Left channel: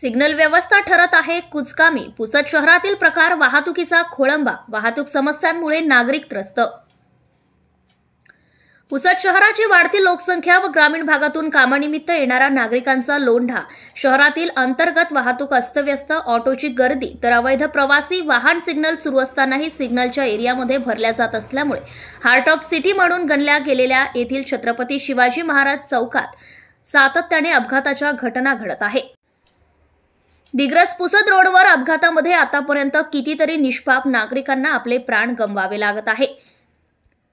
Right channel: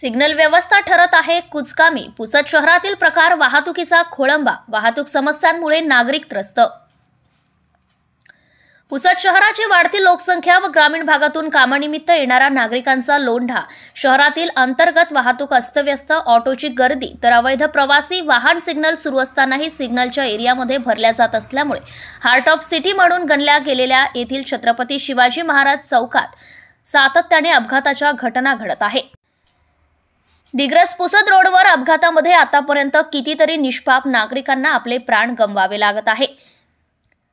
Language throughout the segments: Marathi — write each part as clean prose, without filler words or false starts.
सिग्नल व्यवस्था ठरत आहे कुचकामी। पुसद शहरातील प्रकार वाहतुकीचा खोळंबा। वाहतूक समस्यांमुळे नागरिक त्रस्त। पुसद शहराची वाढती लोकसंख्या व ग्रामीण भागातून कामानिमित्त येणारा नागरिकांचा लोंढा, शहरातील अंतर्गत वाहतूक अस्तव्यस्त, ऑटोची गर्दी, तर अवैध प्रवासी वाहन सिग्नल सुरू असतानाही सिग्नलच्या एरियामध्ये भरल्या जात असल्यामुळे हार्ट ऑफ सिटी म्हणून गणल्या गेलेल्या येथील छत्रपती शिवाजी महाराज चौकात सातत्याने अपघाताच्या घटना घडत आहे। दिग्रस पुसद रोडवर अपघातामध्ये आतापर्यंत कितीतरी निष्पाप नागरिकांना आपले प्राण गमवावे लागत आहे।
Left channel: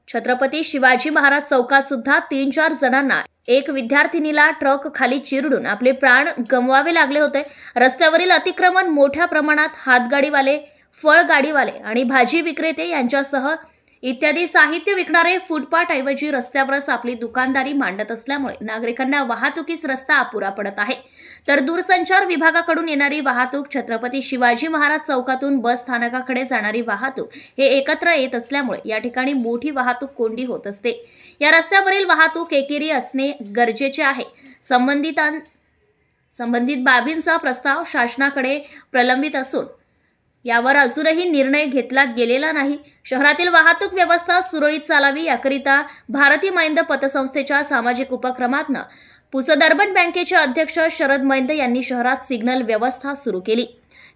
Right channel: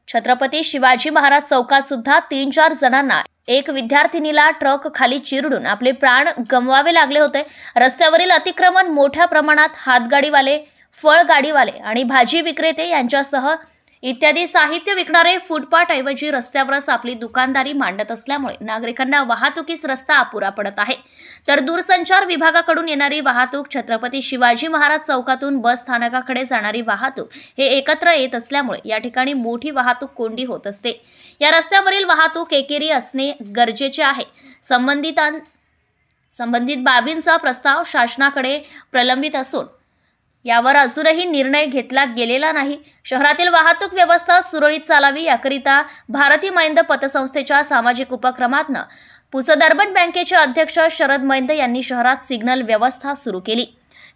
छत्रपती शिवाजी महाराज चौकात सुद्धा 3-4 जणांना, एक विद्यार्थिनीला ट्रक खाली चिरडून आपले प्राण गमवावे लागले होते। रस्त्यावरील अतिक्रमण मोठ्या प्रमाणात हातगाडीवाले, फळगाडीवाले आणि भाजी विक्रेते यांच्यासह इत्यादी साहित्य विकणारे फुटपाथ ऐवजी रस्त्यावरच आपली दुकानदारी मांडत असल्यामुळे नागरिकांना वाहतुकीस रस्ता अपुरा पडत आहे। तर दूरसंचार विभागाकडून येणारी वाहतूक, छत्रपती शिवाजी महाराज चौकातून बस स्थानकाकडे जाणारी वाहतूक हे एकत्र येत असल्यामुळे या ठिकाणी मोठी वाहतूक कोंडी होत असते। या रस्त्यावरील वाहतूक एकेरी असणे गरजेचे आहे। संबंधित बाबींचा प्रस्ताव शासनाकडे प्रलंबित असून यावर अजूनही निर्णय घेतला गेलेला नाही। शहरातील वाहतूक व्यवस्था सुरळीत चालावी याकरिता भारतीय मैंद पतसंस्थेच्या सामाजिक उपक्रमातनं पुसद अर्बन बँकेचे अध्यक्ष शरद मैंद यांनी शहरात सिग्नल व्यवस्था सुरू केली।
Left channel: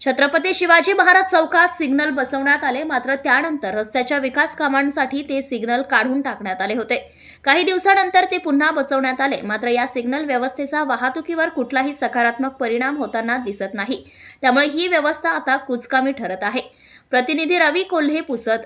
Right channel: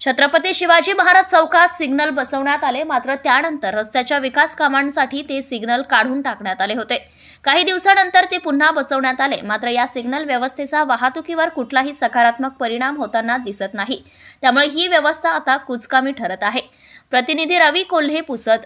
छत्रपती शिवाजी महाराज चौकात सिग्नल बसवण्यात आले, मात्र त्यानंतर रस्त्याच्या विकास कामांसाठी ते सिग्नल काढून टाकण्यात आले होते। काही दिवसानंतर ते पुन्हा बसवण्यात आले, मात्र या सिग्नल व्यवस्थेचा वाहतुकीवर कुठलाही सकारात्मक परिणाम होताना दिसत नाही। त्यामुळे ही व्यवस्था आता कुचकामी ठरत आहे। प्रतिनिधी रवी कोल्हे, पुसद।